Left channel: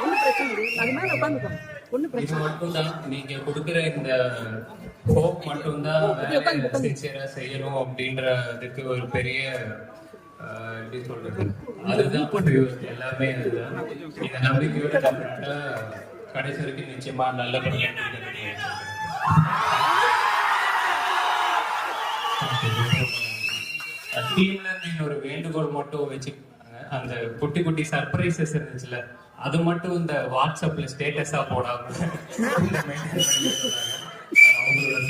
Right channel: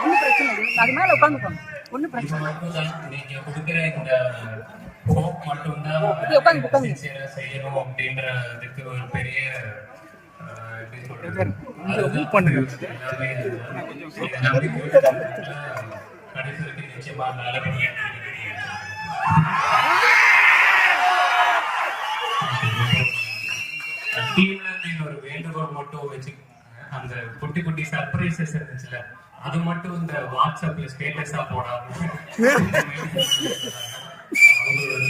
ஒன்றும் பிரச்சனை இல்லை, அது மேலே உட்காந்துக்கோங்க, ஒன்றும் பிரச்சனை இல்லை. நீங்க கொடுக்குற இந்த ஹோப் மட்டும்தான் செய்யணும் அப்படின்றதுக்கு ஒரு பெரிய எல்லாமே கடைசி வரைக்கும் நிச்சயமா நல்லபடியா ஒரு வேண்டுகோள் மட்டும் வச்சுக்கோங்க. அந்த குட்டி குட்டி சர்ப்ரைசஸ் இருந்துச்சுல, அது மட்டும் இந்த வாட்ஸ்அப்ல ஸ்டேட்டஸா போடாம அவங்களோட